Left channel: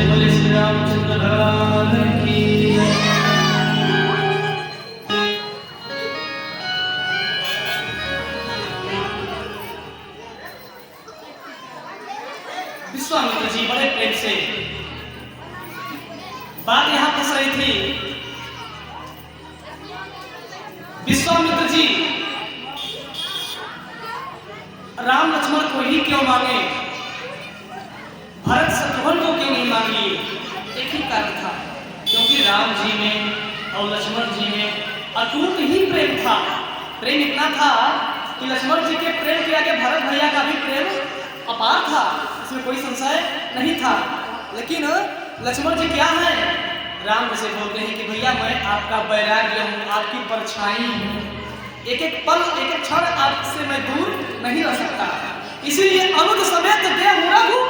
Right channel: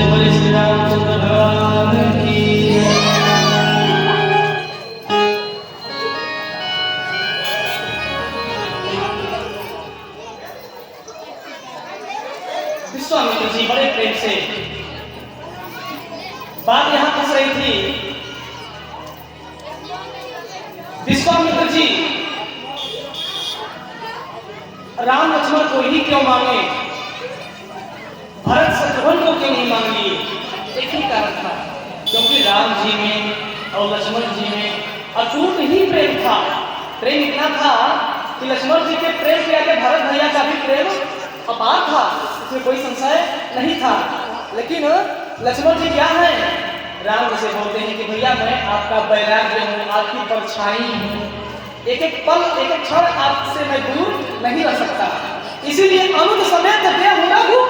से बोले श्री रामचंद्र भगवान की विश्वामित्र जी बड़े प्रेम से बात यहां फंस रही थी। विश्वामित्र जी राम लक्ष्मण को ही क्यों माने, भरत शत्रुघ्न को क्यों नहीं मान लिए? एक ही कारण था, क्योंकि राम जी में और लक्ष्मण जी में अटूट ही प्रेम था। प्रेम इतना था कि लक्ष्मण जी के प्रेम के आगे भरत भैया का भी प्रेम अपार था, इसमें कोई संशय नहीं था। लेकिन लक्ष्मण जी क्या है, राम से बोलते हैं कि भैया मैं आपका वैराग्य हूँ, आपकी परछाई हूँ, एक एक पल एक एक क्षण आपसे मैं दूर नहीं रह सकता, इसीलिए अनुज समेत देह रघु।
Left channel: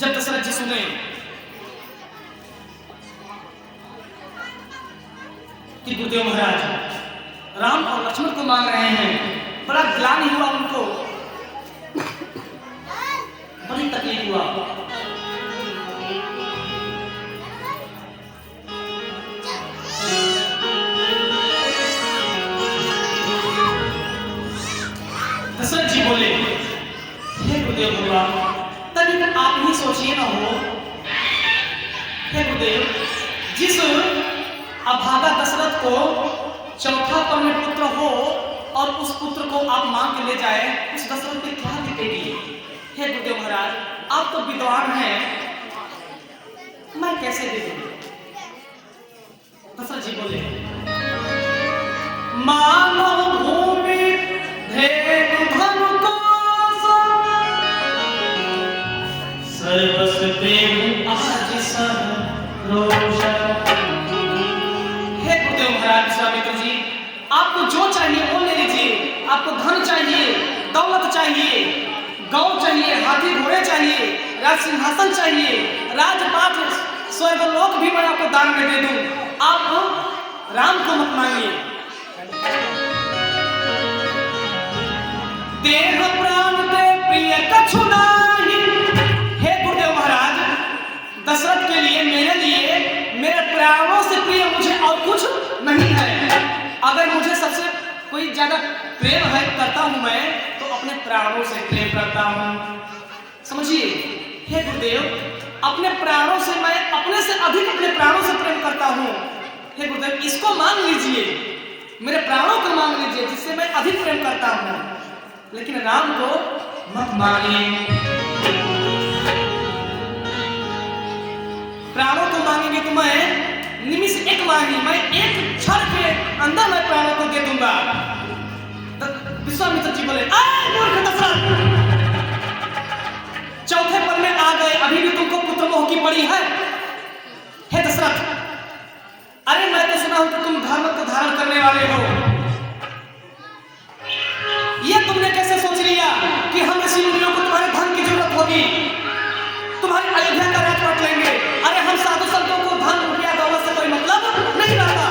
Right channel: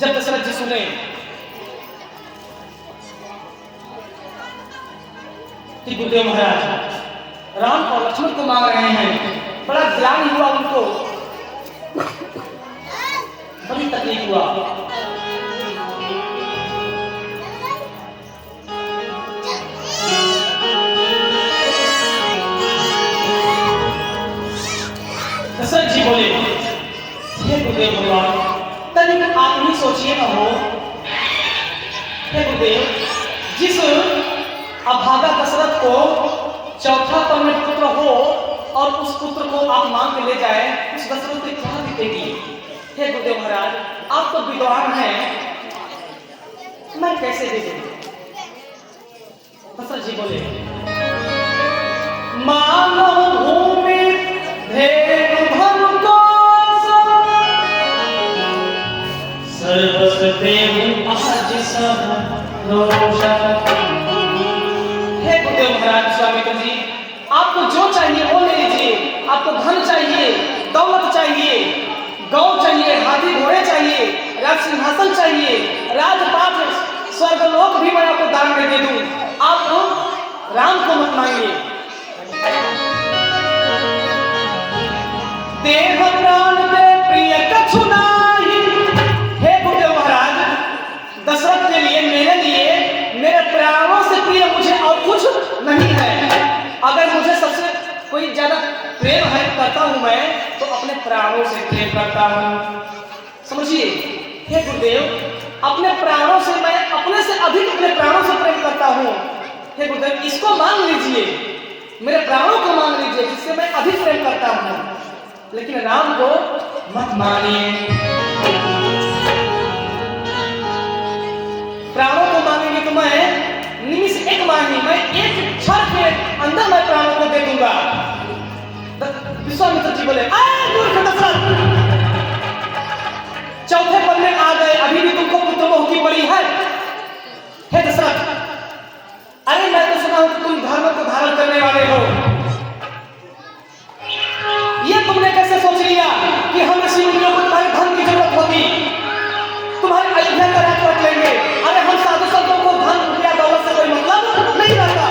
जब दशरथ जी सुने कि गुरुदेव महाराज राम और लक्ष्मण को मांग रहे हैं, बड़ा ग्लानि हुआ उनको, बड़ी तकलीफ हुआ। दशरथ जी बोले, हे गुरुदेव भगवान, तनिक आप ही सोचिए ना हो। हे गुरुदेव, जिस अभागा दशरथ को चौथा पौने पुत्र हो और उस पुत्र को आप मांग के ले जाए, उस दशरथ की क्या बीतेगी? हे गुरुदेव महाराज, आप तो विद्वान हैं, मैं कैसे दे दूं? दशरथ जी बोले, मानव भूमि धेनु धन को सर्वस्व देव आज सब रोशन। हे गुरुदेव महाराज स्वामित्र जी, आपको जो चाहिए वो ले लीजिए। आपको धन चाहिए, दौलत चाहिए, गौ चाहिए, हाथी घोड़े चाहिए, राज सिंहासन चाहिए, राजपाट स्वर्गलोक भी मैं आपको दान में दे दूं। आप राम को मत मांगिए। देह प्राण दे प्रिय कछु नाही। हे गुरुदेव महाराज, दशरथ के लिए, मेरे लिए, मेरे प्राणों से प्रिय मुझे और कुछ नहीं है। अगर मुझे सबसे कोई ज्यादा प्रेम है करता हूं मैं, तो अपने प्राणों से प्रेम करता हूं, समझिए। हे गुरुदेव, अपने प्राणों से मैं अपने से अधिक अपने प्राणों से प्रेम करता हूं। हे गुरुदेव, इसको मान लीजिए, मेरे प्राणों को मान लीजिए, जिससे मैं अधिक प्रेम करता हूं, लेकिन राम को मत मानिए। प्राणों को मांगेंगे तो मैं निमिष एक मांगी, मैं एक क्षण के अंदर मैं प्राणों को दे दूंगा। विश्वामित्र जी बोले, चौथे पल में आ गए, अभी भी तुमको पुत्र मोह की पड़ी है? हे दशरथ, अरे मैं तो सुना हूं कि तुम धर्म को धारण करने वाले हो, ये तुमने कैसे सोच लिया कि हम ऋषि मुनियों को तुम्हारे धन की जरूरत होगी, तुम्हारे अयोध्या का राज रख लेंगे? अरे हम साधु संतों को धन रुपया दौलत से कोई मतलब नहीं रहता।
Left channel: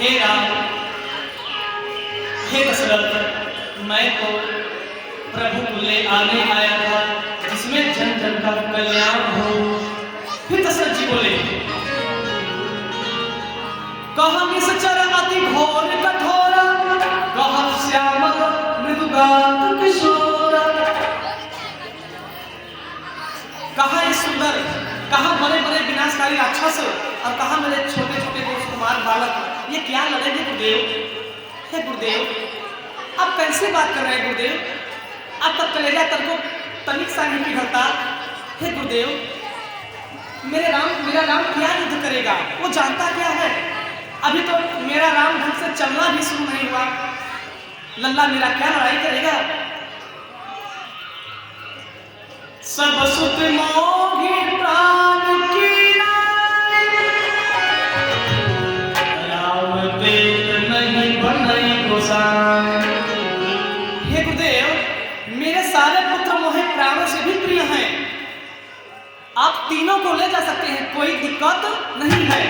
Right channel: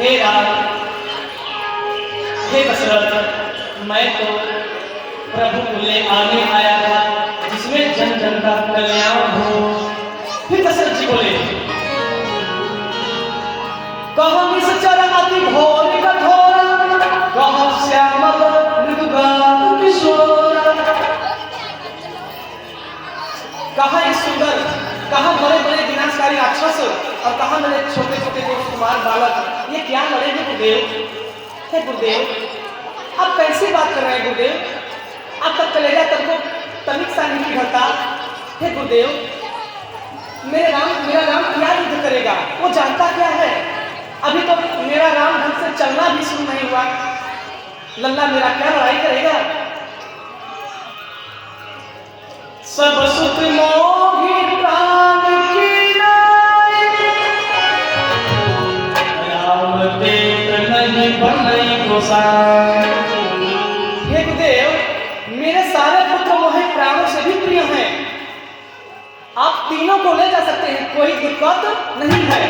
हे राम, हे दशरथ, मैं तो प्रभु को ले आने आया था, जिसमें जन जन का कल्याण हो। फिर दशरथ जी बोले, कहा निश्चर अति घोर कठोर, कहा श्यामल मृदुगात किशोर। कहा इस सुंदर, कहा बड़े बड़े विनाशकारी राक्षस और कहा मेरे छोटे छोटे कुमार बालक, ये क्या लड़ेंगे गुरुदेव? हे गुरुदेव, आप कैसे बात कर रहे हैं गुरुदेव? अब तक कलेजा तक को तनिक सा नहीं पिघलता। हे गुरुदेव, मेरा राम क्या युद्ध करेगा? वो जानता क्या है? अभी तो मेरा राम ढंग से चलना भी शुरू नहीं हुआ, लल्ला मेरा क्या लड़ाई करेगा? सब सुख मोहि प्राण की राम पेट नहीं बनई गोसाई। हे गुरुदेव, मेरे सारे पुत्र मोहे प्राणों से भी प्रिय हैं, आप तीनों को ले जा सकते हैं, कोई दिक्कत नहीं है,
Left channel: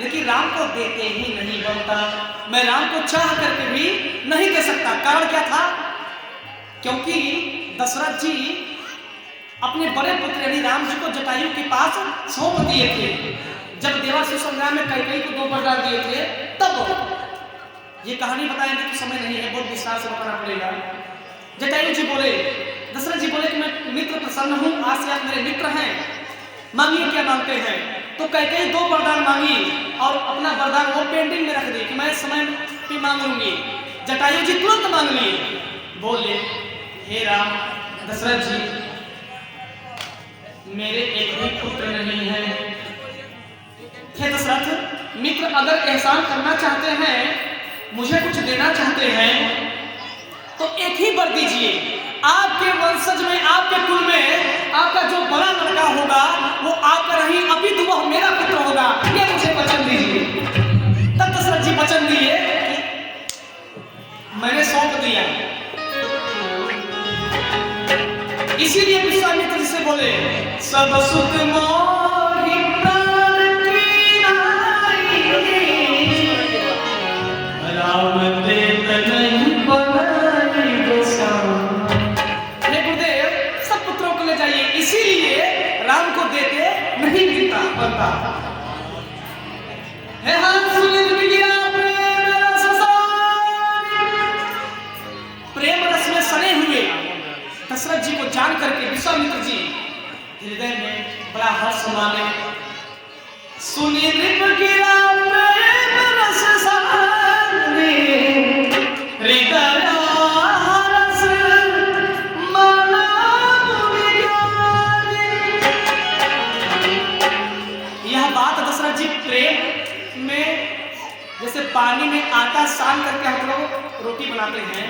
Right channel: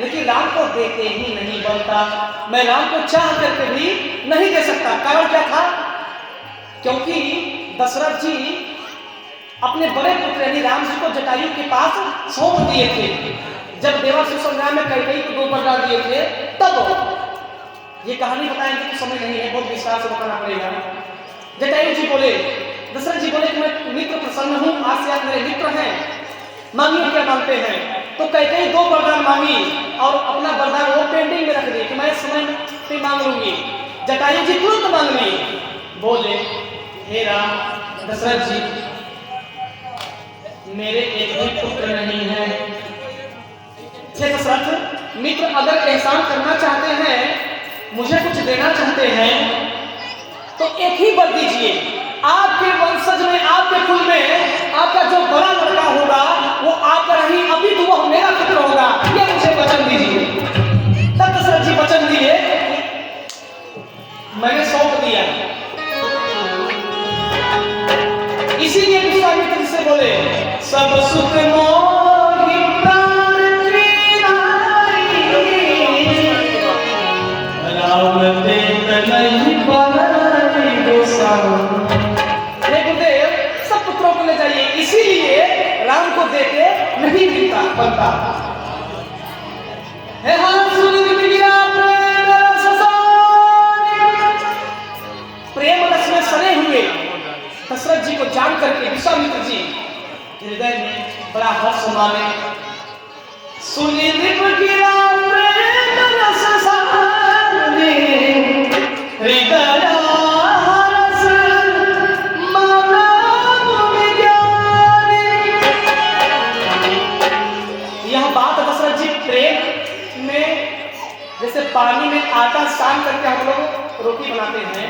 लेकिन राम को देते ही नहीं बनता। मैं राम को चाह करके भी नहीं दे सकता। कारण क्या था? क्योंकि दशरथ जी अपने बड़े पुत्र यानी राम जी को जटायु के पास सौंप दिए थे। जब देवासुर संग्राम में कैकेयी को 2 वरदान दिए थे तब ये कहानी बताएंगे तो समय नहीं है, बहुत विस्तार से बताना पड़ेगा। जटायु जी बोले, दशरथ जी बोले कि मैं मित्र प्रसन्न हूँ, आज से आप मेरे मित्र हैं, मांगिए क्या मांगते हैं। तो कैकेयी 2 वरदान मांगी और अपना वरदान वो पेंडिंग में रख दी कि मैं समय पे मांग लूंगी। जटायु जी तुरंत मांग लिए, बोले हे राम दशरथ जी मेरे एक भी पुत्र नहीं है। हे दशरथ मित्र अगर एहसान करना चाहते हैं, मुझे कुछ देना चाहते हैं तो एक ही वर दीजिए, आपके वंशज में आपके कुल में आपका जो बड़ा लड़का होगा वो आपका नहीं अभी तो वो मेरा पुत्र होगा, ये मुझे वचन दीजिए। तब दशरथ जी वचन दिए, मैंने सौंप दिया। इसीलिए विश्वामित्र जी से बोले सब सुख मोहि प्राण की नाई, राम ते नहीं बनाई गोसाई। हे गुरुदेव सब पुत्रों को ले जाइए, इसीलिए राम को देते नहीं मिलता बनता। हे हाँ सुनित गिरा प्रेम रस में सने हुए दशरथ जी को जान करके विश्वामित्र जी हृदय में बड़ा हर्ष माने। सुनी दिप गिरा प्रेम रस साने, हृदय हर्ष माना विज्ञानी। यह बात दशरथ जी प्रेम में जैसे पानी में आटा सान करके हम लोग रोटी बनाते हैं,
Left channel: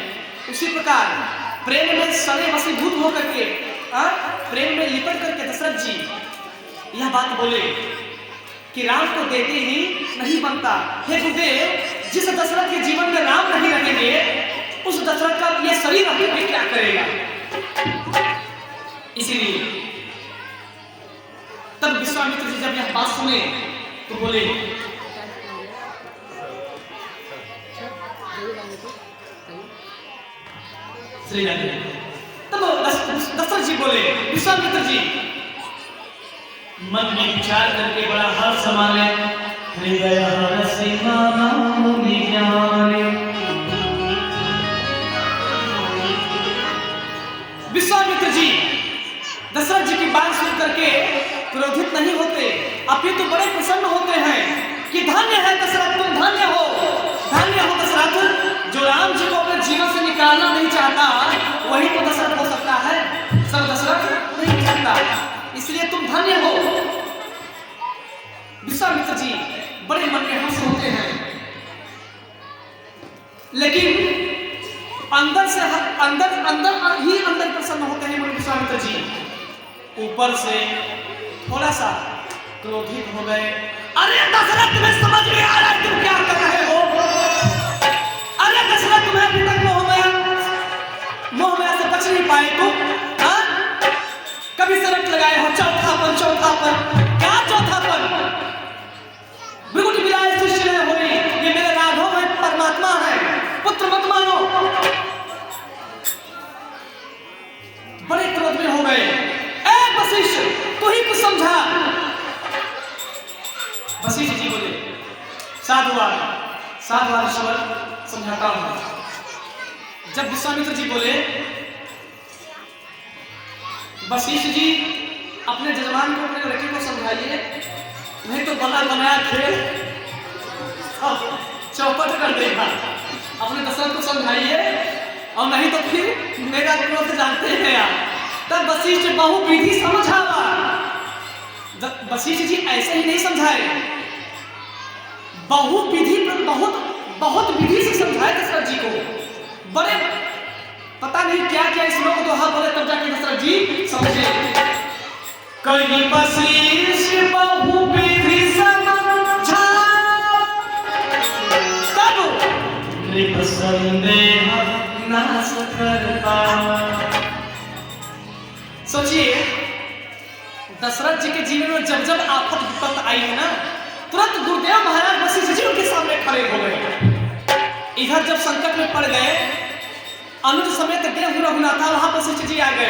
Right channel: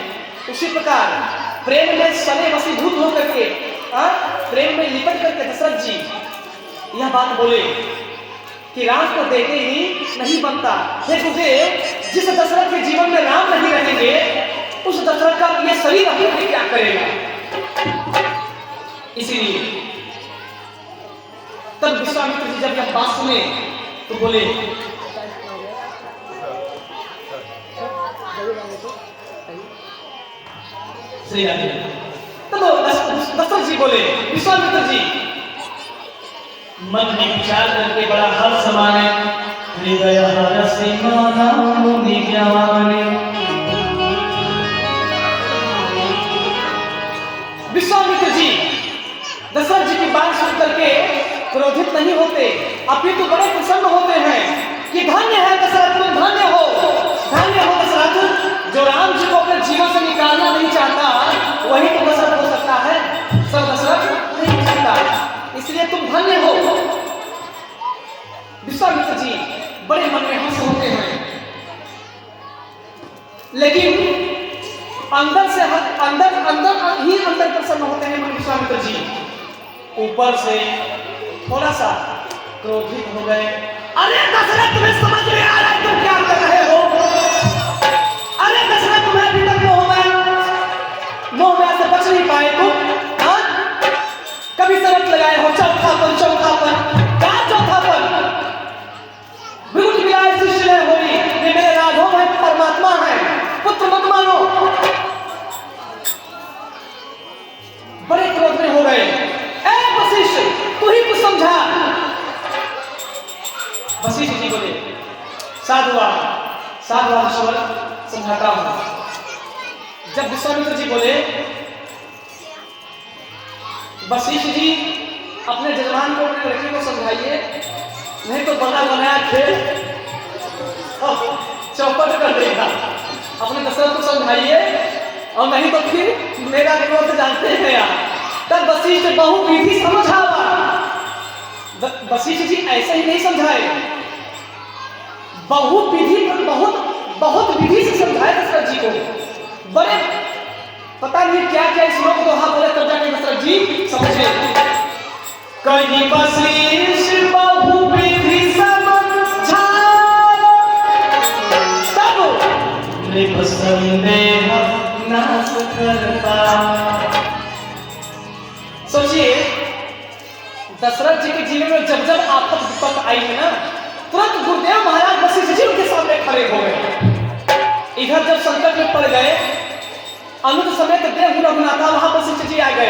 उसी प्रकार प्रेम में सने वसीभूत हो करके प्रेम में लिपट करके दशरथ जी यह बात बोले कि राम को देते ही नहीं बनता। हे गुरुदेव जिस दशरथ के जीवन में राम नहीं रहेंगे उस दशरथ का ये शरीर अभी क्या करेगा। इसीलिए तब विश्वामित्र जी जब यह बात सुने तो बोले श्री राधे। तो दशरथ जी बोले विश्वामित्र जी मन में विचार करके बड़ा हर्ष माने, हृदय हर्ष माना विज्ञानी। विश्वामित्र जी दशरथ जी की बात सुन करके क्रोधित नहीं होते, अपितु बड़े प्रसन्न होते हैं कि धन्य है दशरथ, तुम धन्य हो दशरथ, जो राम जी को अपने जीवन से निकालना नहीं चाहता वही तो दशरथ हो सकता है, सब दशरथ नहीं हो सकता, इसलिए तुम धन्य हो। विश्वामित्र जी बड़े मन में हंस होते हैं, लेकिन अंदर से अंदर प्रसन्न होते हैं विश्वामित्र जी। ऊपर से थोड़ा सा क्रोधित हो गए। अरे दशरथ तुम्हें समझ में आ रहा है तुम क्या कर रहे हो? अरे दशरथ तुम्हारे भीतर मोह में से बच नहीं पाए तुम, कभी शर्त लगाए हो चौथापन क्या चौथापन? विरुद्ध विराय सृष्टि है होई, ये मेरे राघव है, परमात्मा है, पुत्र मत मानो। बड़े क्रोध में हो गए। ए वशिष्ठ तू ही कुछ समझा। वशिष्ठ जी बोले साधुआ समझाता हूं। जब विश्वामित्र जी बोले वशिष्ठ जी अपने जजमान को अपने लड़के को समझाइए, नहीं तो बना बनाया खेल चौपट कर देगा। अपने दशरथ को समझाइए और नहीं तो फिर मेरा क्रोध जानते हैं यार। तब वशिष्ठ बहुविधि समझावा। वशिष्ठ जी ऐसे ही नहीं समझाए, बहुविधि बहुत विधि से समझाए दशरथ जी को। बड़े पता नहीं क्या श्लोक दोहा बोले तब जाके दशरथ जी समझे। कहीं वशिष्ठ बहुविधि समझा तब नृप संदेह नाश कर पाया। सोचिए दशरथ जी के जीवन में जब आफत विपत आई है ना, तुरंत गुरुदेव महाराज वशिष्ठ जी उनके सामने खड़े हो गए। इधर जब संकट में पड़ गए अनुज समेत देव रघुनाथा वहां वशिष्ठ जी आ गए।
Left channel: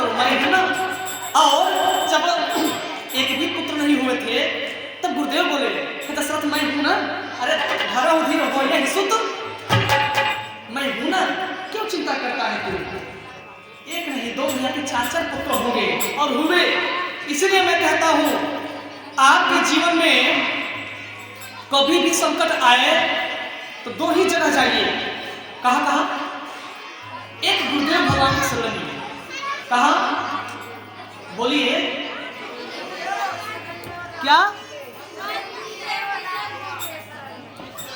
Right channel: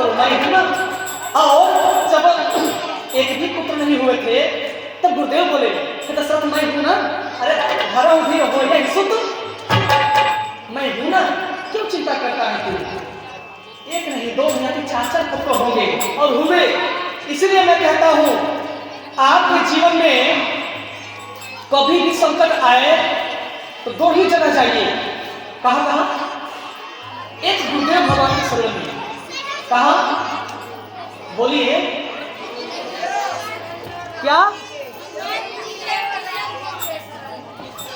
करो, मैं हूं ना। और जब एक भी पुत्र नहीं हुए थे तब गुरुदेव बोले कि दशरथ मैं हूं ना, अरे हरा उधर हो या सुत, मैं हूं ना, क्यों चिंता करता है तू? एक नहीं दो नहीं कि 4 पुत्र होंगे और हुए। इसलिए मैं कहता हूं आपके जीवन में कभी भी संकट आए तो 2 ही जगह जाइए। कहां कहां? एक गुरुदेव भगवान के शरण में। कहां? बोलिए क्या?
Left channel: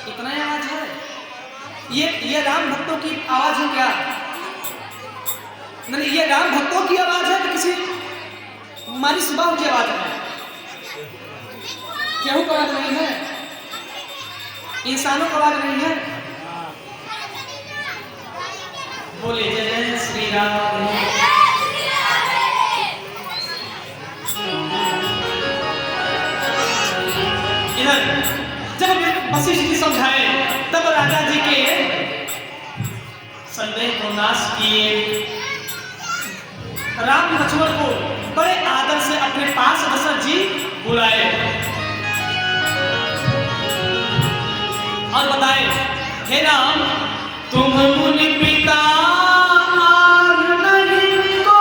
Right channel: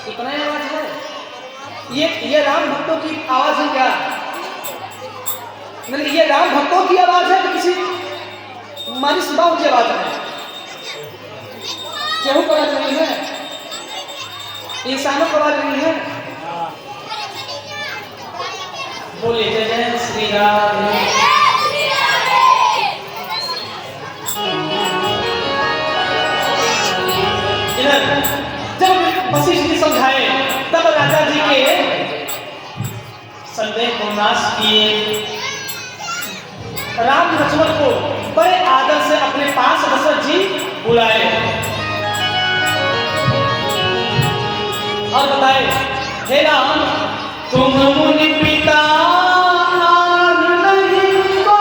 इतना आवाज है? ये राम भक्तों की आवाज है क्या? मतलब ये राम भक्तों की आवाज है कि किसी हमारी सुबह की आवाज है? केहू को आवाज नहीं है, इंसानों को आवाज नहीं है। बोले जय जय श्री राम। इधर जब वशिष्ठ जी समझाए तब राजा जी के संदेह को नाश किए। राम लक्ष्मण को बड़े आदर से अपने पास दशरथ जी बुलाए और बताए, हे राम तुम मुनि पिता नहीं को।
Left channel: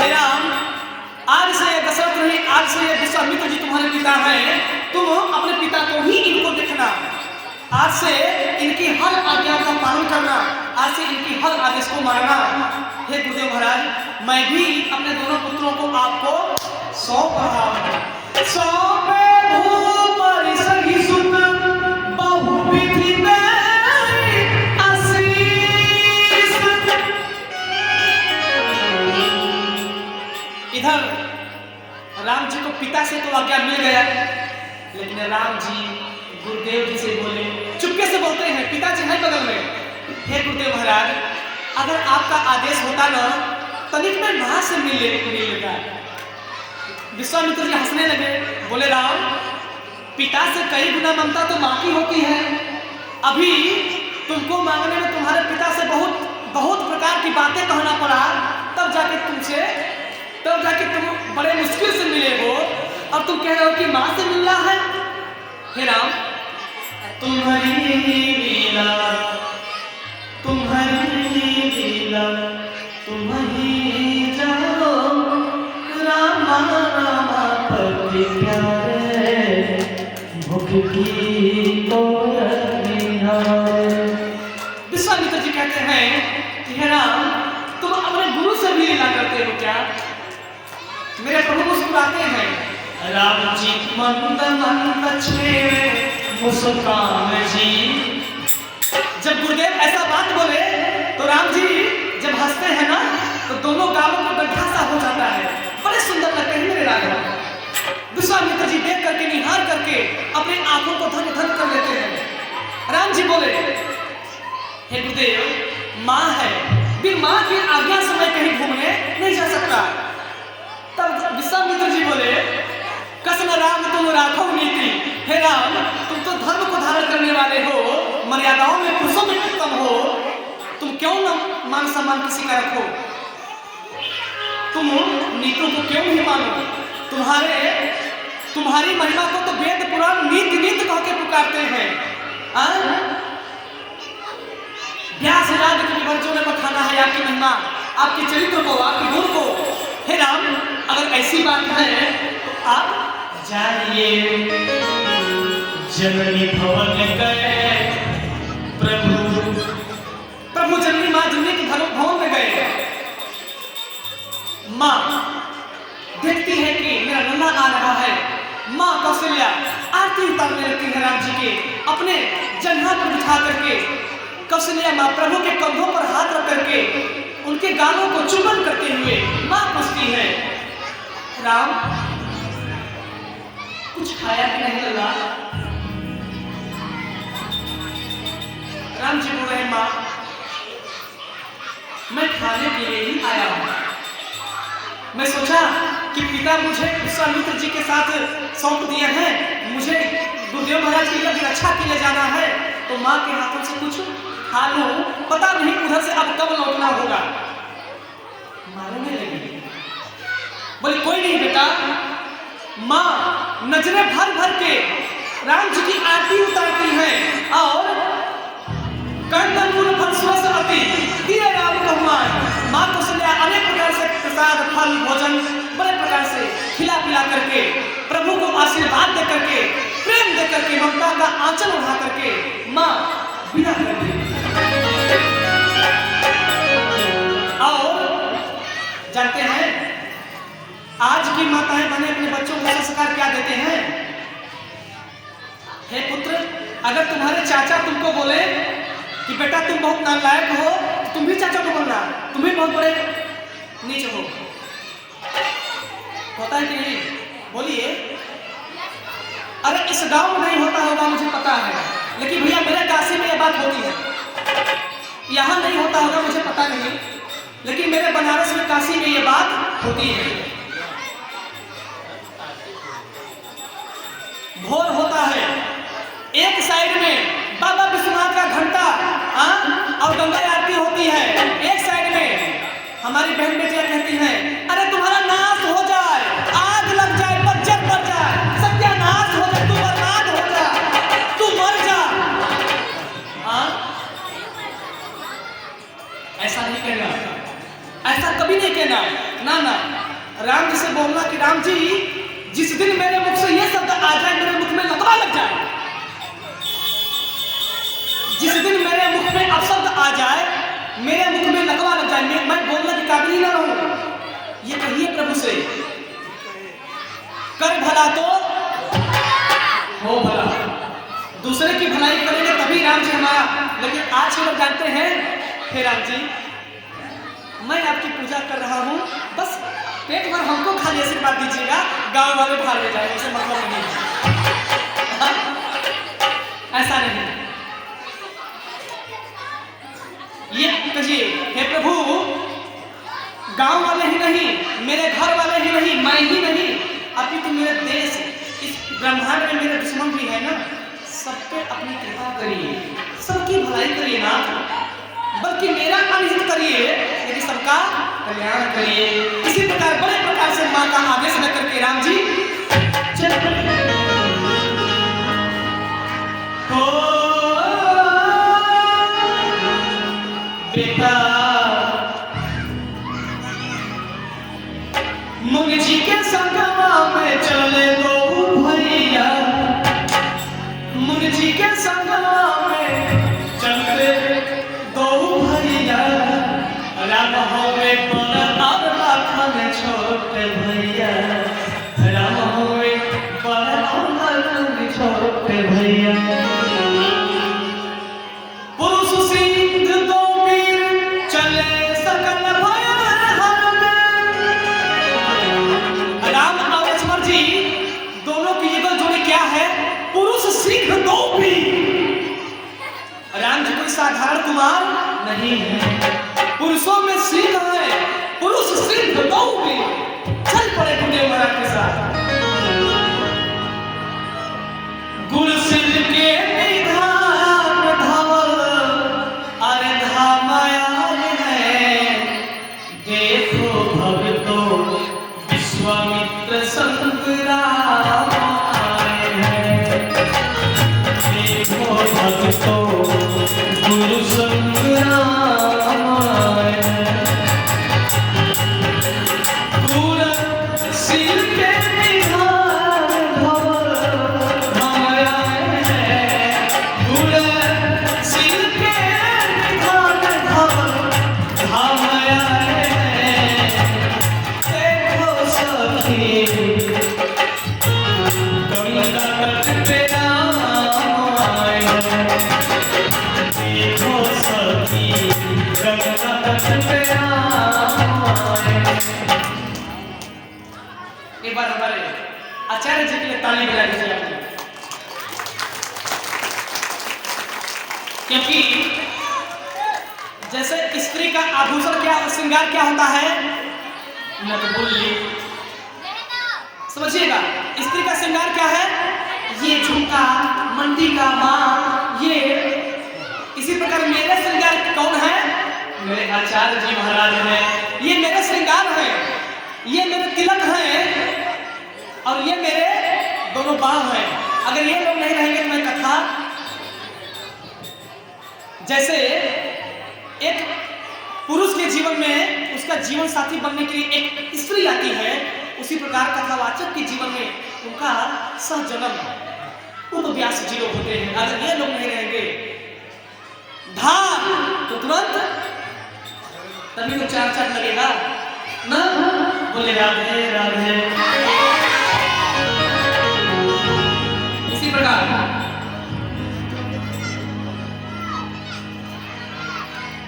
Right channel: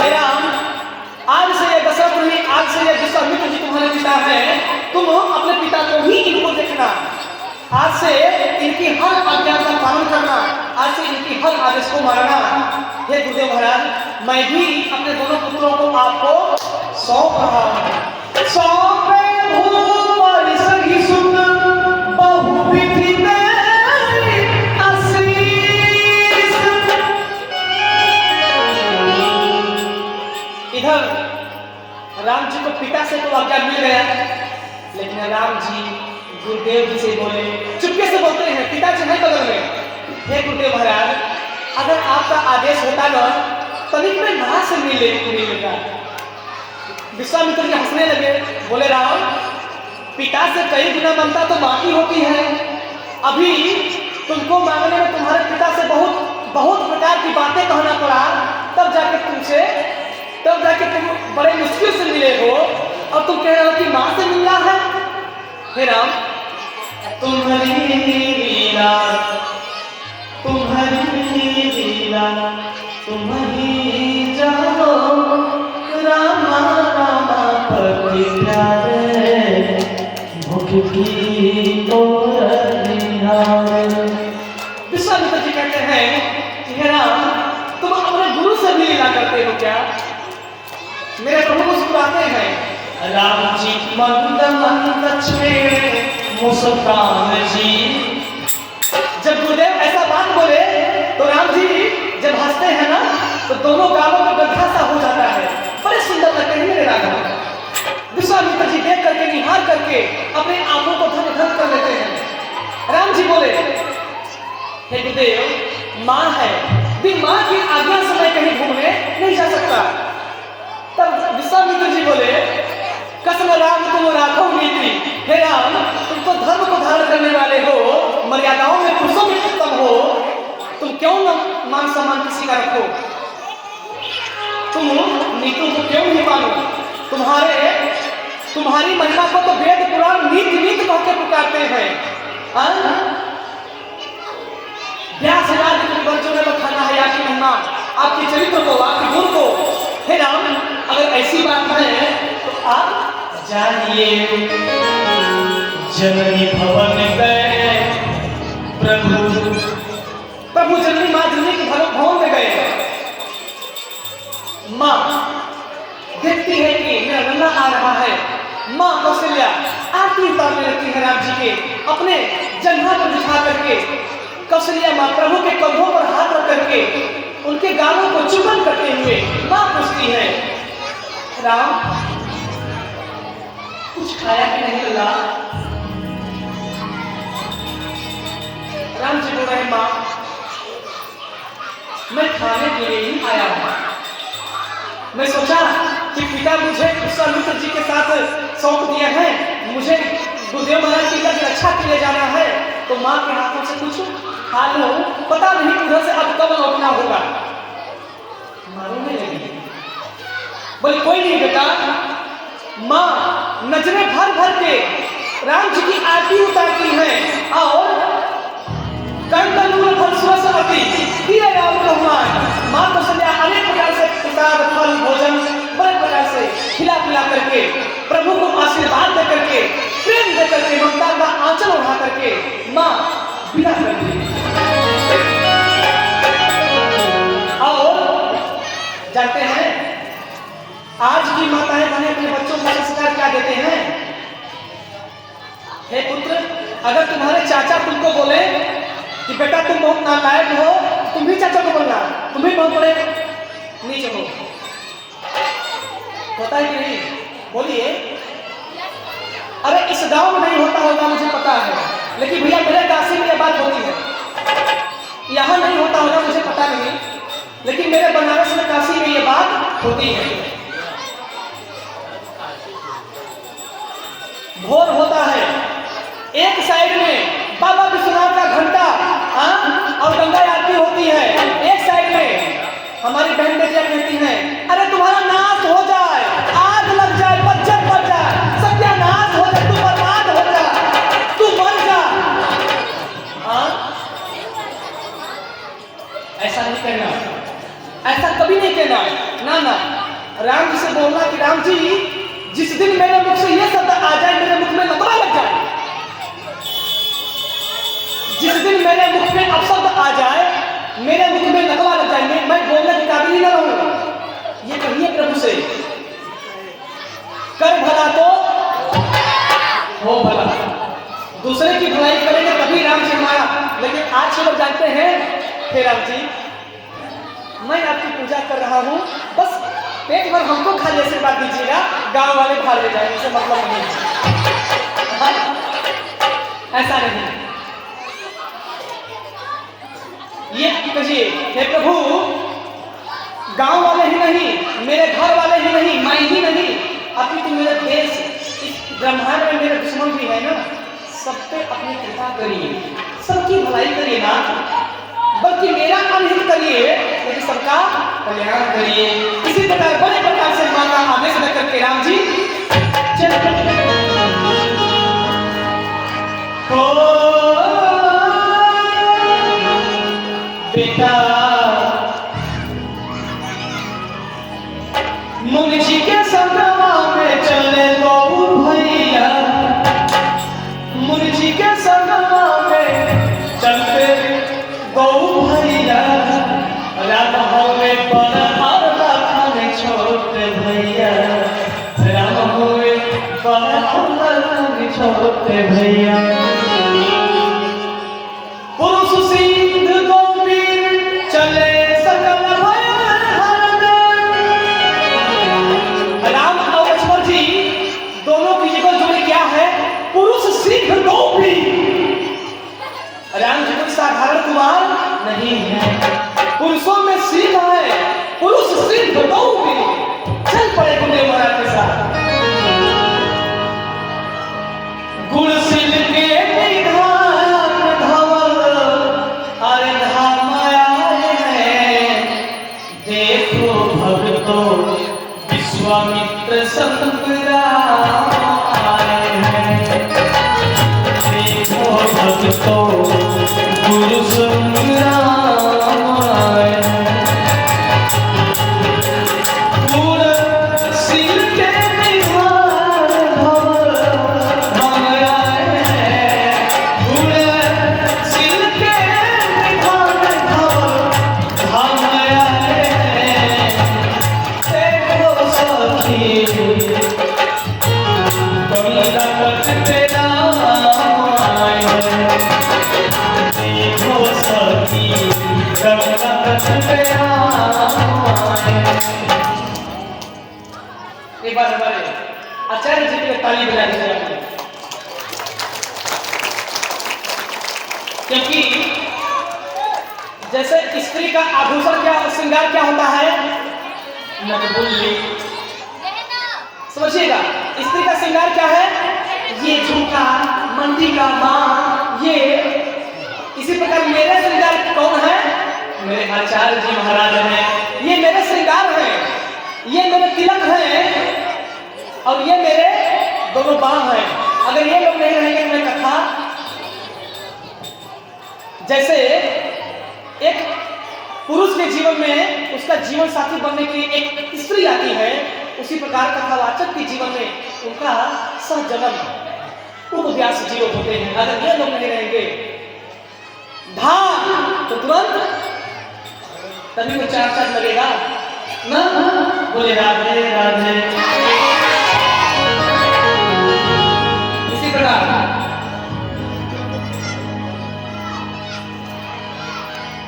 हे राम आज से ये दशरथ नहीं, आज से ये विश्वामित्र जी तुम्हारे पिता हैं, तुम अपने पिता को ही इनको देखना, आज से इनकी हर आज्ञा का पालन करना, आज से इनकी हर आदेश को मानना। हे गुरुदेव महाराज मैं भी अपने दोनों पुत्रों को आपको सौंप रहा हूं। सौंपे भूपर सही सुन बहुविधि तेरी आशीष। इधर राम जी को पिता से तो आज्ञा मिल गया, लेकिन राम जी गुरुदेव जी से बोले, चुपके से बोलते हैं, पिताजी नहीं बदल गए। हे गुरुदेव महाराज अगर आपका आदेश होता ना तनिक में वहां से मिल लेता। विश्वामित्र जी हंसने लगे, बोले राम पिता से कई गुना ममता तो मां की होती है, अभी तुमको मांगने में तुम्हारे पिता से बहुत प्रकार की बातें कहना पड़ा, तब जाके तुम बड़े मुश्किल से मिले हो, अब तुम कह रहे हो कि मां से मिल रहा है। हे राम तुम्हारी लीला तुम ही जानो, रामा रामा पति प्यारे भूख की और निहारे। विश्वामित्र जी कहते हैं कि हे राम तुम अपने गुरु से भी लीला करते हो क्या? मेरे प्रभु मुस्कुराते हैं। राम जी मंद मंद छे मुस्कान जी। जब गुरुदेव ऐसा बात बोले तो राम जी जब हंसते हैं ना तो दोनों गालों का गड्ढा सा हो जाता है, बड़े सुंदर लगते हैं मेरे राघव। विश्वामित्र जी देख करके निहार करके अपने आंखों को धन धन कर लेते हैं। राम जी बोले, हे गुरुदेव माँ है, बिन माँ की आज्ञा से मैं कहीं घूमने नहीं जा सकता। तब विश्वामित्र जी बोले, कसम राम तुम राखो नीति। हे राम तुम तो धर्म को धारण करने वाले हो, मर्यादाओं में पुरुषों में उत्तम हो, तुम क्यों न मान सम्मान किसी का रखो? तुम नीतियों को क्यों नहीं मानो? तुम्हारी महिमा को तो वेद पुराण नीति नीति कह के पुकारते हैं। व्यास आदि के वर्जों में बखाना है आपकी महिमा, आपके चरित्र को, आपके गुण को। हे राम अगर ऐसी बात है तो आप जानिए। जननी भवन गए प्रभु जननी माँ जननी के भवन में गए। माँ देखती है कि मेरा नन्हा आ रहा है। माँ कौशल्या आरती उतारने लगती है राम जी के, अपने जंघा पर बिठा करके। कौशल्या माँ प्रभु के कंधों पर हाथ रख करके उनके गालों को चुंबन करते हुए माँ पूछती है, राम कुछ खाया कि नहीं लगा? राम जी बोल रहे, माँ मैं खाने के लिए ही आया हूं। मैं सोचा कि पिता मुझे विश्वामित्र जी के साथ सौंप दिए हैं, मुझे गुरुदेव महाराज जी की रक्षा के लिए जाना है, तो माँ के हाथों से कुछ खा लो, पता नहीं उधर से अब कब लौटना होगा। बोले कोई नहीं बेटा। माँ नजरें भर भर के राम जी की आरती उतारती है और कंदमूल फल स्वसति दिए राम को हुआ है। माँ को संध्या अनेक प्रकार से प्रसाद फल भोजन बड़े प्रकार से खिला पिला करके प्रभु को आशीर्वाद दे करके प्रेम दे करके ममता का आंचल उठा करके माँ विदा करती है। और जानते हैं आज की माताएं बहनें अपने बच्चों को संस्कार क्या देते हैं? हे पुत्र, अगर तुम्हारे चाचा तुमको बोले कि बेटा तुम बहुत नालायक हो, तुम भी चाचा को बोलना, तुम भी बहुत बड़े नीच हो। होता है कि नहीं? बोलिए। अरे इस गांव में नहीं होता होगा मुझे पता है, लेकिन भैया मेरे काशी में ये बात होती है। यहाँ नहीं होता होगा मुझे पता नहीं, लेकिन मेरे बनारस में काशी में ये बात होती है। भोर होता है, एक साइड में बाबा विश्वनाथ का घंटा और गंगा आरती होती है, एक साइड में हमारी बहन बेटियां कहती हैं अरे तुम्हारा नाश हो जाए, आग लग जाए, बच्चे मर जाए, सत्यानाश हो जाए, तू बर्बाद हो जा, तू मर जा। ऐसा नहीं कहना, ऐसा कभी नहीं कहना। ना ना, राम जी से बोलना कि राम जी जिस दिन मेरे मुख से ये शब्द आ जाए, मेरे मुख में लतवा लग जाए, जिस दिन मेरे मुख में अपशब्द आ जाए, मेरे मुख में लतवा लग जाए, मैं बोलने के काबिल ही ना रहूं, ये कहिए प्रभु से। कर भला तो हो भला, दूसरे की भलाई करेंगे तभी राम जी हमारा। लेकिन आज लोग जानते हैं हे राम जी मैं आपकी पूजा कर रहा हूं, बस पेट भर हमको खाली आशीर्वाद दीजिएगा, गांव वाले भाग ले जाएंगे, ऐसे मतलब नहीं। ऐसा नहीं, ये कहिए हे प्रभु गांव वाले ही नहीं, मेरे घर वाले ही नहीं, मैं ही नहीं, अभी तो मेरे देश इस ब्रह्मांड में मेरे दुश्मन भी है ना, सब पे अपनी कृपा करिए, सबकी भलाई करिए ना, बल्कि मेरा अनहित करिए, लेकिन सबका कल्याण करिए। इसी प्रकार बड़े प्रकार से मां का आदेश देकर के राम जी चल बेटा मुनि जी के संगमा में चले दो भैया, मुनि जी के संगमा में चलते दो भैया, राम होवे बड़ा और राखा छोटे भैया, राम होवे बड़ा और राखा छोटे भैया। नहीं है, पुरुषों में सीख है, पुरुष सिद्ध बहु भी चल पड़े गुरुदेव महाराज के साथ। गुण सिद्ध के निधान धवल अरे धाम आए हैं, देखो भक्तों विश्वामित्र संत राम आए हैं, देखो भक्तों गुरु संग राम आए हैं, गुण सिल के निधान धवल धाम आए हैं, गुण सिल के निधान धवल धाम आए हैं, देखो सखी गंगा तट पे राम आए हैं, देखो सखी गंगा तट पे राम आए हैं। एक बार हमारे आचार्य जी के लिए ताली बजा दीजिए आपने, क्योंकि जैसे स्त्री का आभूषण क्या श्रृंगार क्या होता है, नकबुल्ली, समझिएगा स्त्री का श्रृंगार क्या है, ये झुमका मंडी का मां, ये इसी प्रकार मेरे श्रृंगार कौन है, मेरे आचार्य जी महाराज हैं, ये मेरे श्रृंगार हैं। ये मेरे तिलक है और ये मेरे दोनों बाम है। अगर ये लोग नहीं रहेंगे तो मैं कथा, जैसे एक पुरुष के जीवन में उसका जीवन साथी बनने के लिए एक स्त्री आती है, उसी प्रकार कथावाचक के जीवन में उनका सहजन्म उपव्यास जीव होते हैं। अगर ये लोग नहीं रहेंगे तो तुरंत तभी तो चार चार लगेगा ना। बोले राधे राधे। इसी प्रकार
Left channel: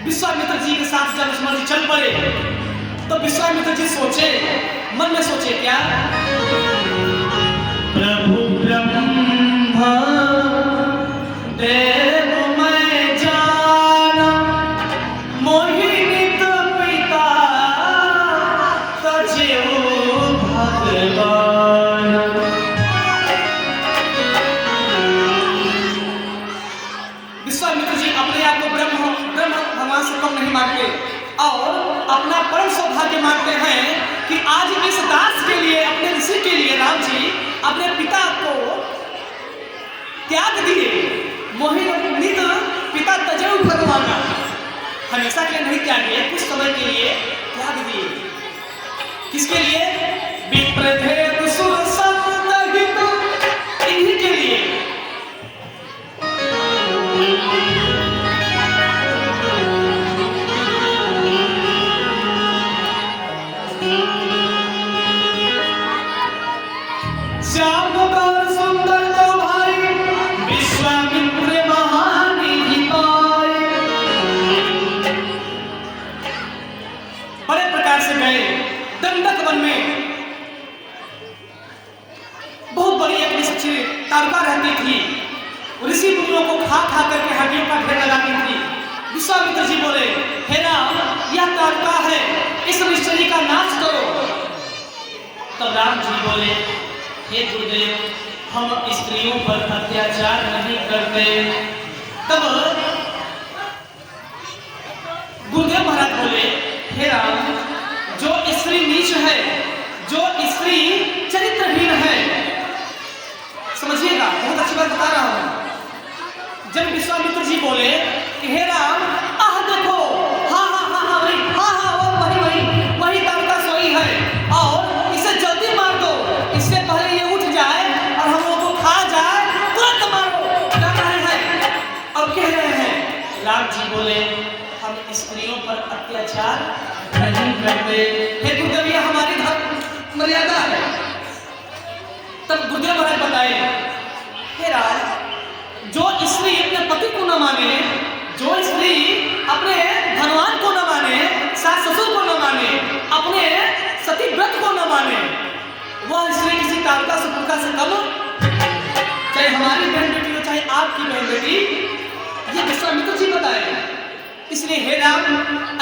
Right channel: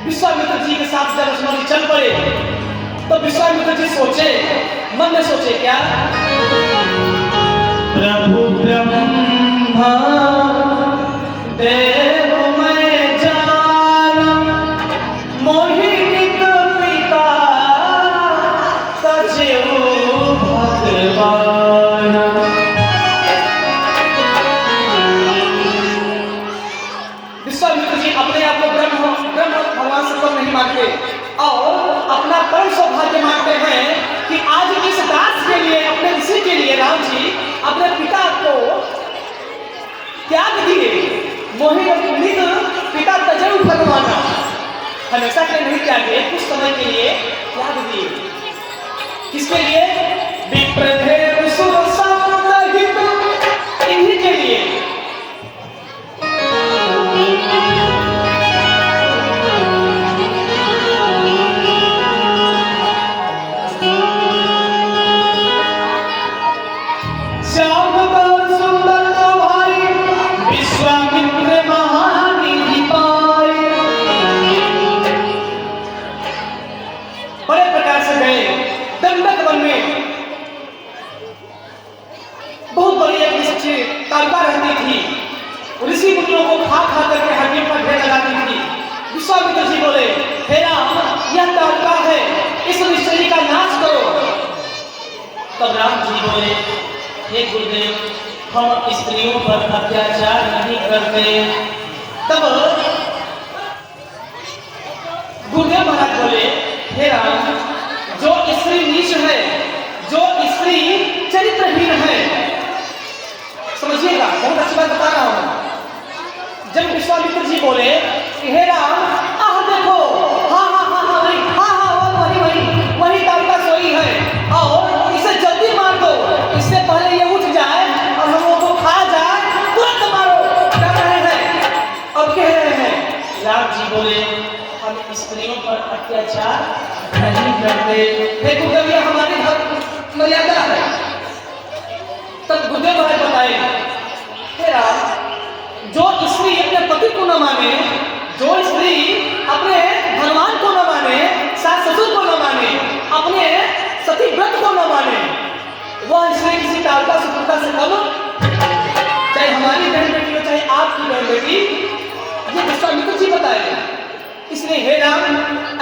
विश्वामित्र जी के साथ जब लक्ष्मण चल पड़े तो विश्वामित्र जी सोचे, मन में सोचे क्या, प्रभु ब्रह्मा देव मैं जानम मोहित पिता सजीव भगवान। विश्वामित्र जी अपने आप को ब्रह्म भगवान से कम नहीं मानते और अपना परम सौभाग्य मानते हैं कि आज इस दास के लिए, अपने ऋषि के लिए राम जी अपने पिता को त्याग दिए। मोहित पिता तजरु भगवान हमेशा के लिए नहीं त्यागे, कुछ समय के लिए त्याग दिए। किसके लिए? विप्रदेव सुरसंहित, इन्हीं के लिए। ऋषि मुनियों को खा खा करके हड्डी पर ढेर लगाती थी। विश्वामित्र जी बोले, हे राम यह तारका है, इस निश्चय का नाश करो। तब राम जी बोले, हे गुरुदेव हम स्त्रियों पर अत्याचार नहीं करते। तब गुरुदेव महाराज बोले, हे राम जो स्त्री नीच है, जो स्त्री चरित्रहीन है, समझिएगा बहुत अच्छी बात बता रहा हूं। जब विश्वामित्र जी बोले कि हे राम आह देखो, हाँ वही तारका सोई है और इसे जल्दी मार दो, इससे पहले ये उठ जाए और हम लोगों को खा जाए, तुरंत मारो। क्या कह रहे हैं और कह रहे हैं? राम जी बोले हम स्त्रियों पर अत्याचार नहीं करते। हे गुरुदेव ये हमारी मर्यादा है। तब गुरुदेव महाराज बताए, हे राज जो स्त्री अपने पति को न माने, जो स्त्री अपने धनवान को न माने, सास ससुर को न माने, अपने सती व्रत को न माने, वह स्त्री किसी तारका से पुरखा से कम, चाहे हमारी बहन बेटी हो चाहे आपकी बहन बेटी, ये विश्वामित्र जी बताए। इसलिए हे राम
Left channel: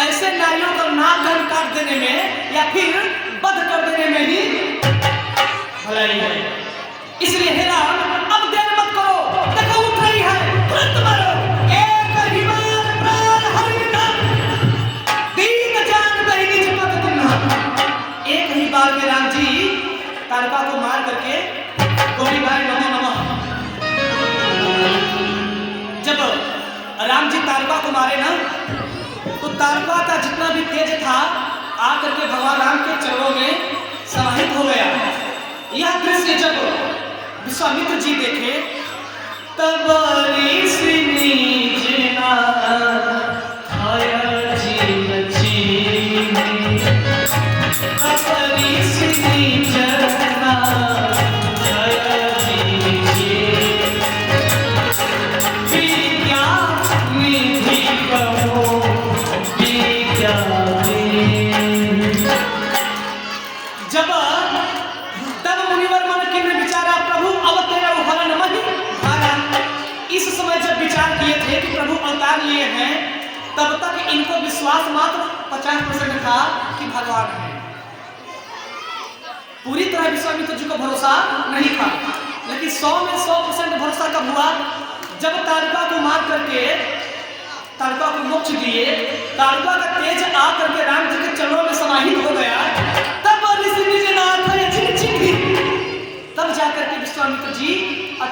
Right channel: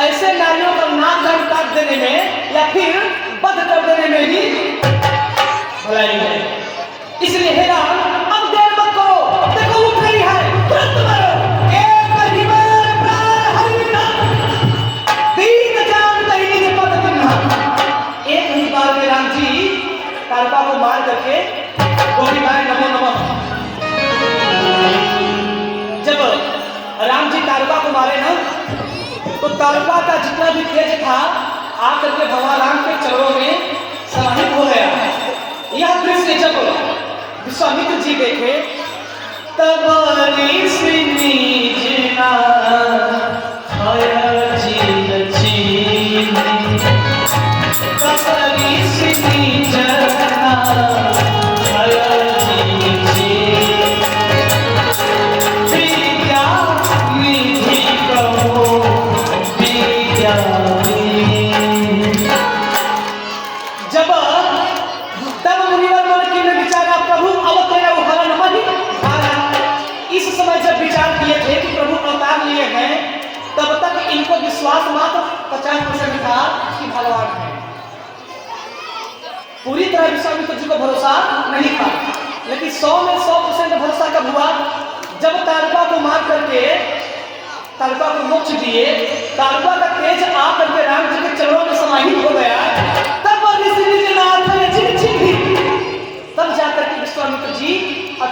ऐसे नारियों का नाक काट देने में या फिर बध कर देने में ही भलाई है। इसलिए हे राम अब देर मत करो, देखो उठ रही है, तुरंत मारो। एक ही बार प्राण हरिनाम, तीन जान कहीं नीचे पद तुमना। एक ही बार में राम जी तारका को मार करके गोली बार नमः नमः। जब राम जी तारका को मारे ना तो तारका का जितना भी तेज था आकर के भगवान राम के चरणों में समाहित हो गया। यह दृश्य जब विश्वामित्र जी देखे तब विश्वास मात्र 50% था कि भगवान है। पूरी तरह विश्वामित्र जी को भरोसा नहीं था, लेकिन 100 में 100% भरोसा कब हुआ? जब तारका को मार करके तारका को मोक्ष दिए, तारका का तेज आकर के राम जी के चरणों में समाहित हो गया, तब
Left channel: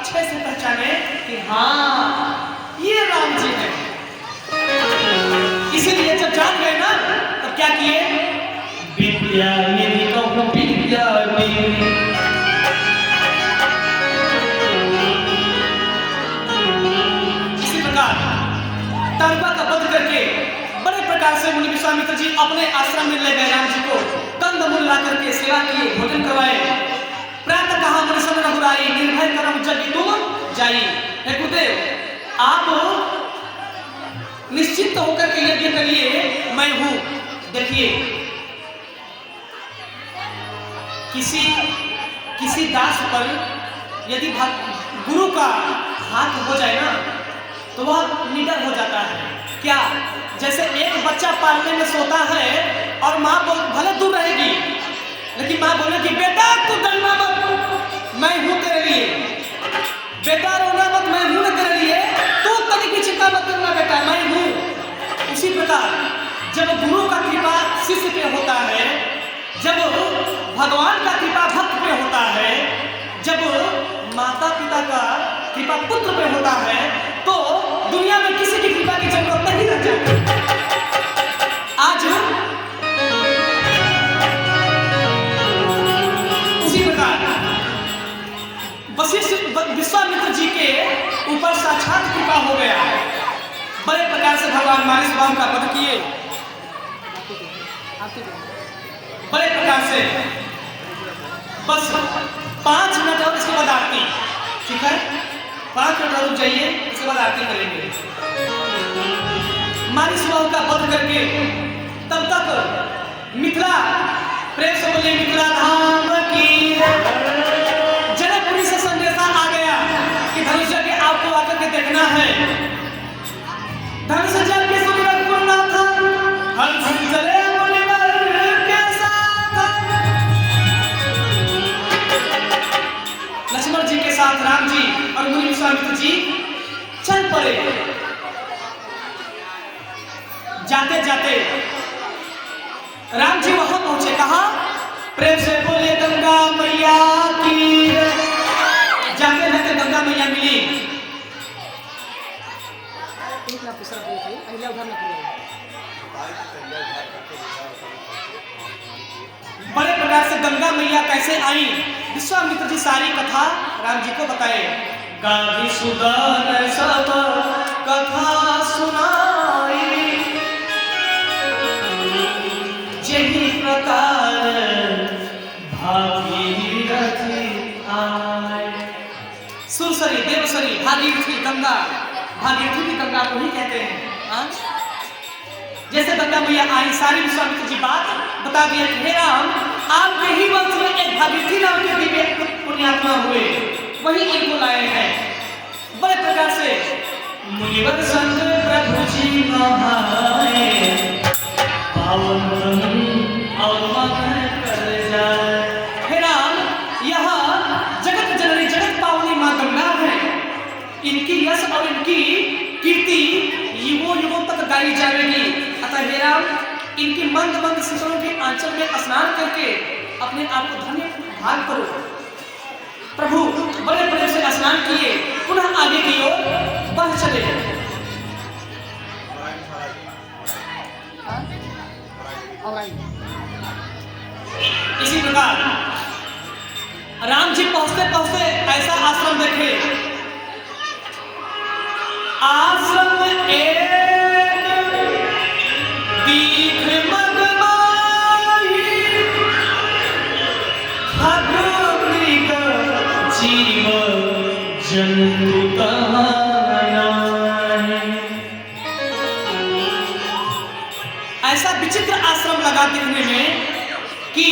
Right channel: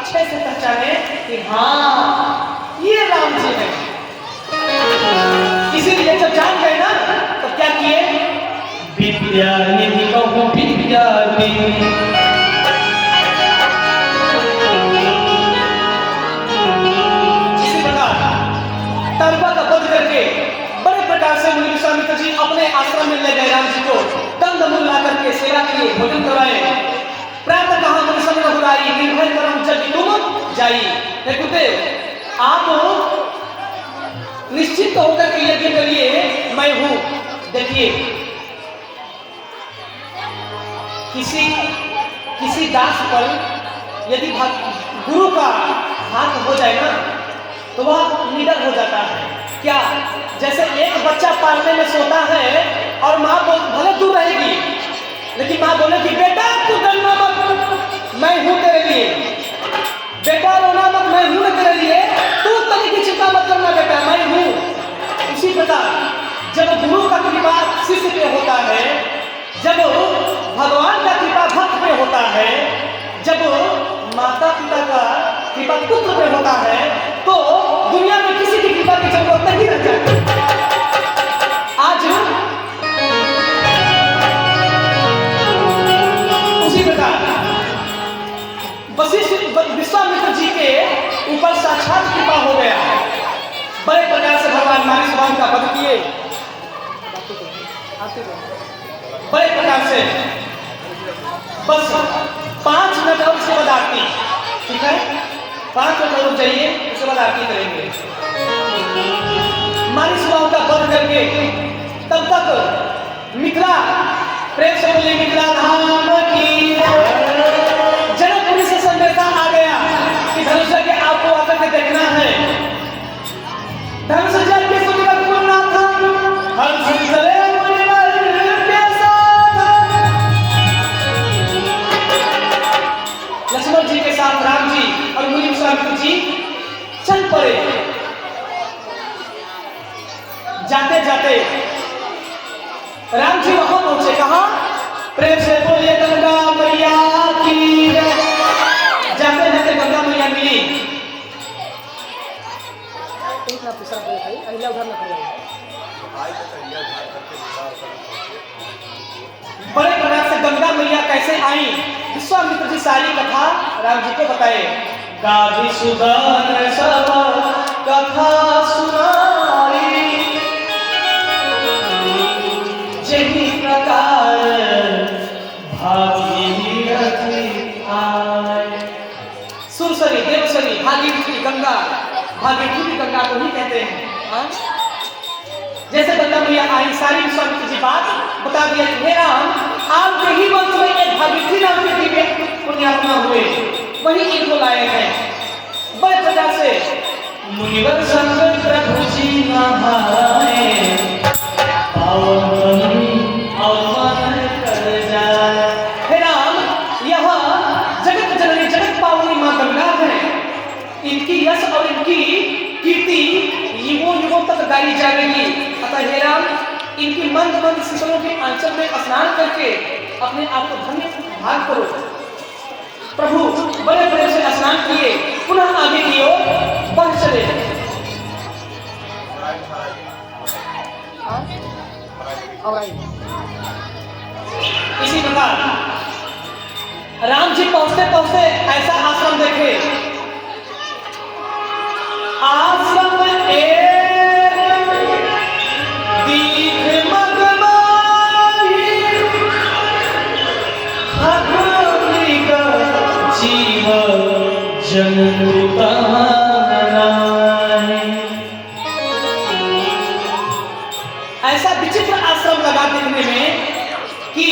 अच्छे से पहचाने कि हाँ ये राम जी हैं। इसीलिए जब जान गए ना तो क्या किए, विद्या निधि कहूँ विद्या निधि, इसी प्रकार ताड़का का वध करके बड़े प्रकार से मुनि विश्वामित्र जी अपने आश्रम में ले गए राम जी को, कंदमूल ला करके सेवा किए, भोजन करवाए। प्रातः कहा मन सब रघुराई, निर्भय करम जब तुम जाई। देखते आप निश्चित होकर के यज्ञ के लिए मैं हूं। देखिए किसी दास पर यदि गुरु का हाथ हो जाए ना तो वह निडर हो जाता है। क्या, जैसे एक बच्चा पालने में सोता है और माँ भले दूर रहेगी लेकिन माँ बोले कि बेटा तू डरना मत, मैं हूं तेरे लिए, बेटा रोना मत, मैं हूं तेरे लिए, तू तनी की चिंता मत करना बेटा, मैं हूं। इसी प्रकार जब गुरु का कृपा शिष्य पे होता है, जब भगवान का कृपा भक्त पे होता है, जब माता पिता का कृपा पुत्र पे होता है, तो दुनिया में किसी की कृपा की जरूरत नहीं रहती। आज उसी प्रकार वशिष्ठ विश्वामित्र जी के ऊपर साक्षात कृपा हो गया। बड़े प्रकार से भगवान मानस भगवान का वध किए, बड़े प्रकार से। बस 5 मिनट और इसके बाद आरती, ठीक है, 5 मिनट रुक जाइए, इसके बाद आरती करेंगे। मानस भगवान का वध करके तब तक मिथिला, प्रेम से बोलिए मिथिला धाम की। जनकपुरी से संदेशा आ गया कि धनुषा के आपको आकर के देखना है। धनुषा जल के सुमिरन पूर्ण था, हंस चले मुनिवर के साथ। लक्ष्मण जी के साथ राम जी और मुनि विश्वामित्र जी चल पड़े। जाते जाते राम जी वहां पहुंचे, कहा प्रेम से बोलिए गंगा मैया की। जाते जाते गंगा मैया मिली। बड़े प्रकार से गंगा मैया कैसे आई, विश्वामित्र जी सारी कथा राम जी को बताए। गाधी सुदन सब कथा सुनाई, जही प्रकार भागीरथी आए। सुरसरी, देवसरी, भागीरथी गंगा, भागीरथी भी गंगा को ही कहते हैं। जैसे गंगा मैया आई, सारी विश्वामित्र जी बात बता दिया कि हे राम, आपके ही वंश में एक भागीरथी नाम के दिव्य पुण्यात्मा हुए, वही इनको लाए हैं। बड़े प्रकार से मुनिवर संग प्रभु जी नहाए, पावन अवमान कर जाए। हे राम, यह जगत जननी जगत पावनी मां गंगा है, इनकी यश और इनकी कीर्ति युगों युगों तक गाई जाएगी। अतः हे राम, इनकी मंद मंद शीतलों के आंचल में स्नान करके अपने आप को धन्य भाग करो। प्रभु बड़े बड़े से स्नान किए, पुनः आगे की ओर बढ़ चले। इसी प्रकार राम जी पहुंचते पहुंचते ऐसा आश्रम देखे। आश्रम एक दीप मगवाई, खगोलिक जीव जंतु ऐसा विचित्र आश्रम लगा देखने में कि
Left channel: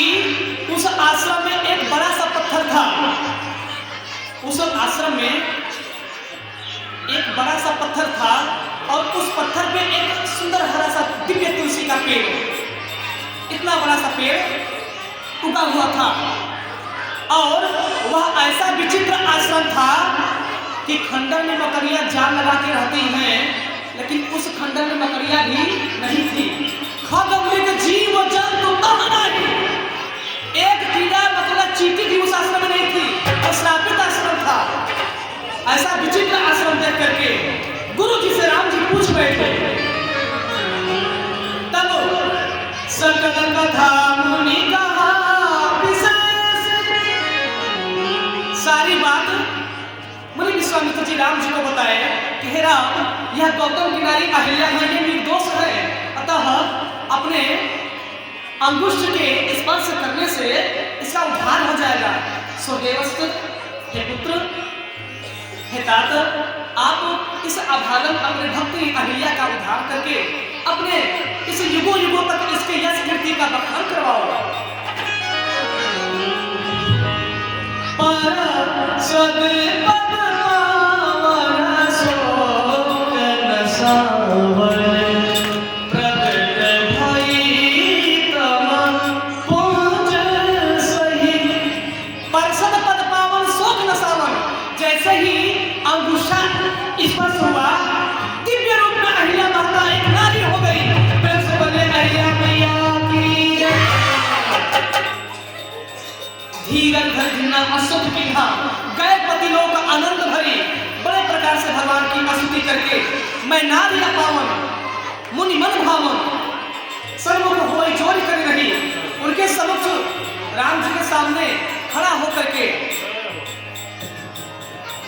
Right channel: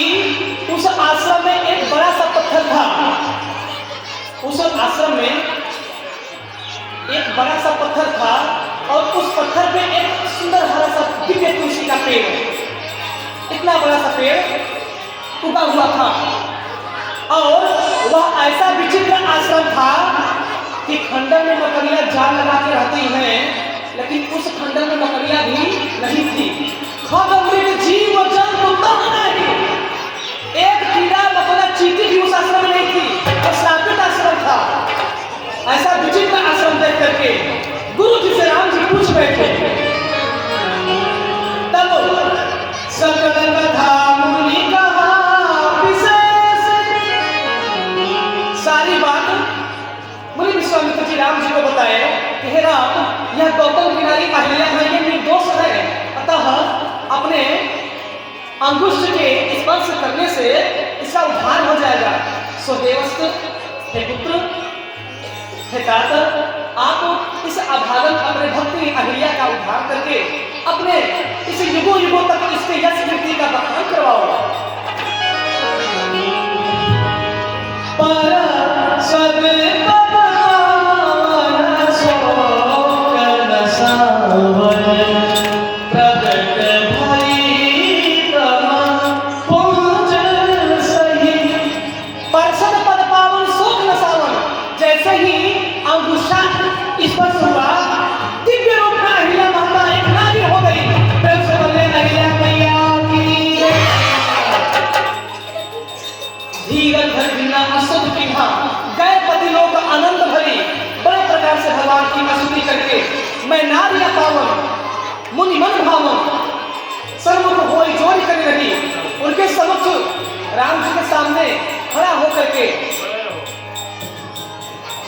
उस आश्रम में एक बड़ा सा पत्थर था। उस आश्रम में एक बड़ा सा पत्थर था और उस पत्थर पे एक सुंदर हरा सा दिव्य तुलसी का पेड़, इतना बड़ा सा पेड़ उगा हुआ था। और वह ऐसा विचित्र आश्रम था कि खंडर में मकड़ियां जाल लगा के रहती हैं, लेकिन उस खंडर में मकड़ियां भी नहीं थी। जीव जंतु एक कीड़ा मकोड़ा चींटी भी उस आश्रम में नहीं थी। और श्रापित आश्रम था। अंगुष्ठ के स्पर्श करने से इसका उद्धार हो जाएगा। सो देवस्त्र, हे पुत्र, हे तात, आप इस अभागन अपने भक्ति अहिल्या का उद्धार करके अपने इस युगों युगों तक इसके यश कीर्ति का बखान करवाओ। करके मैं नार्य पावन मुनि मन भावन सर्व को होई जोर कर रही उनके समक्ष राम जी के सामने खड़ा होकर के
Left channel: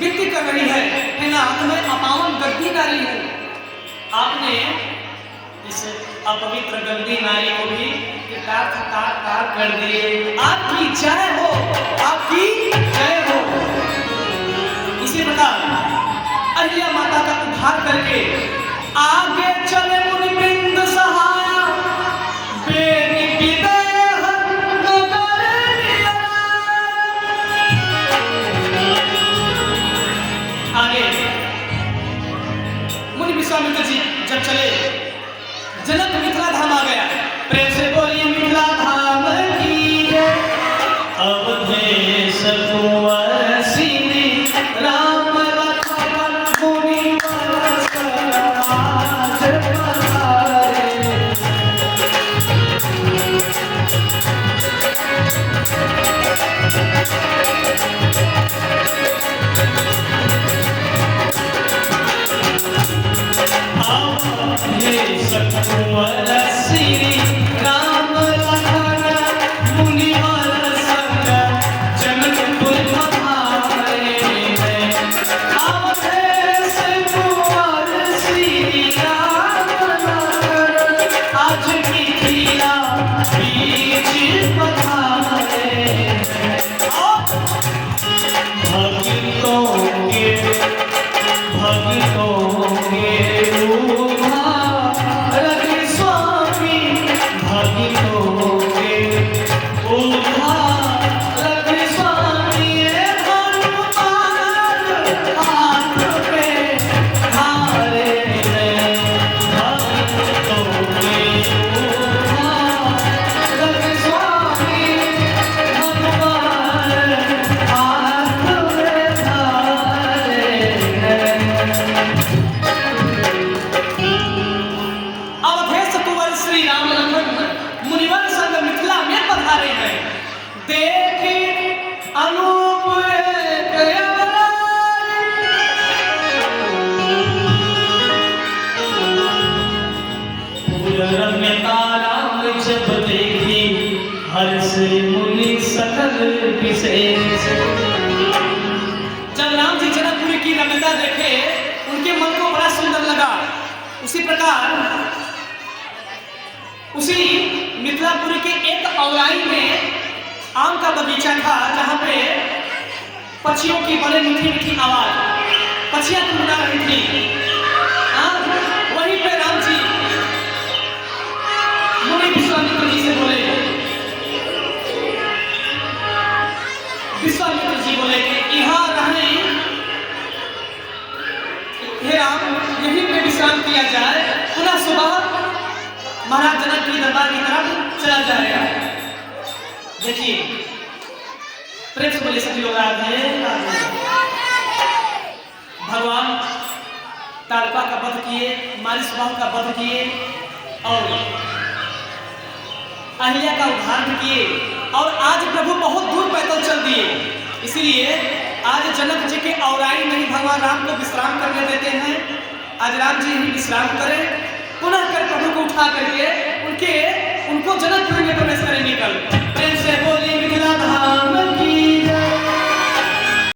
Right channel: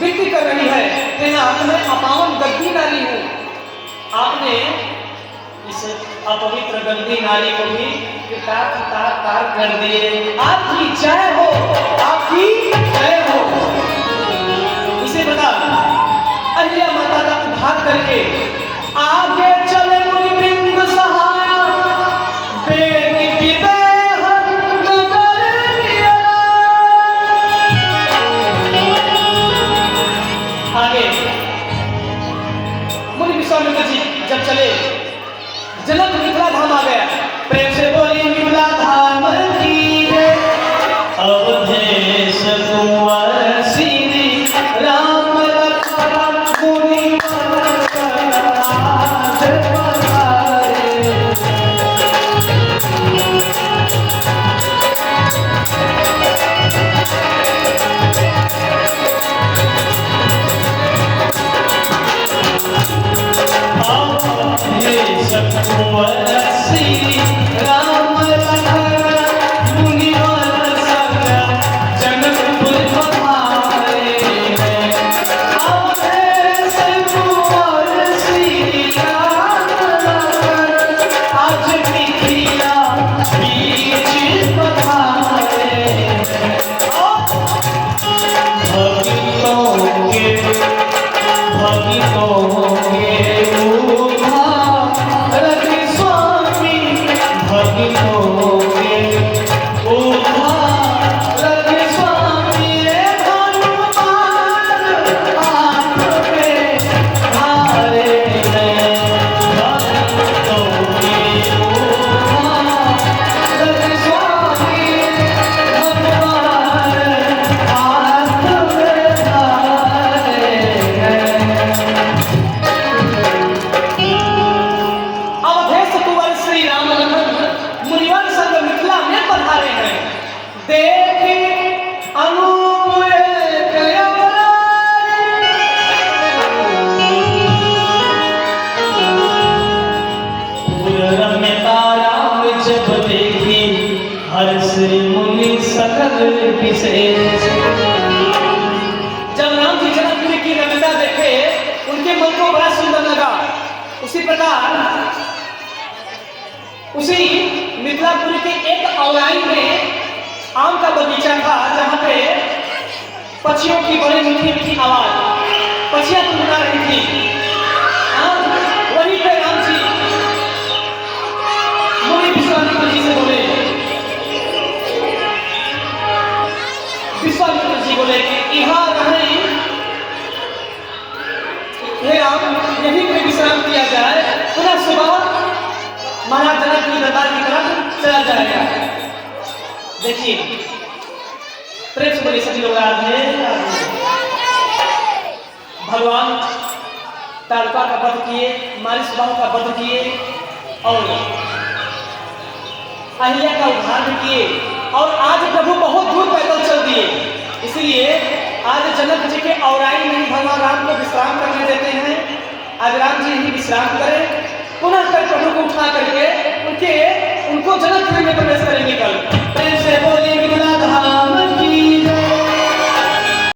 विनती कर रही है कि ना मैं अपावन गद्दी नारी हूँ। आपने इस अपवित्र गंदी नारी को भी तार कर दिए। आपकी जय हो, आपकी जय हो। इसी प्रकार अहिल्या माता का उद्धार करके आगे चले मुनि वृंद सहाय, बेटी विदेह नगर लिया। आगे मुनि विश्वामित्र जी जब चले, जनक मिथिला धाम आ गया। प्रेम से बोलिए मिथिला धाम की जय। अवधेश कुंवर श्री राम जब राम जी जनकपुरी की रमणीयता देखे उनके मन को बड़ा सुंदर लगा। उसी प्रकार उसी मिथिलापुरी के एक औलाई में आम का बगीचा था जहाँ पे पक्षियों की बड़ी मीठी मीठी आवाज, पक्षियां गुनगुना रही थी। वहीं पे राम जी मुनि विश्वामित्र जी से बोले, विश्वामित्र जी बोले कि यहाँ रहे, हे राम यहीं पे विश्राम किया जाए, पुनः सुबह महाराज जनक की दरबार की तरफ चला जाएगा। देखिए प्रेम से बोले सभी लोग राधे भगवान ताड़का का वध किए, मारिस बाहु का वध किए और अहिल्या का उद्धार किए और आज प्रभु बहुत दूर पैदल चल दिए। इसलिए आज जनक जी के औराई नहीं भगवान राम को विश्राम करने देते हैं। आज राम जी ही विश्राम करें, पुनः कर प्रभु को उठा करके उनको जनकपुरी में प्रवेश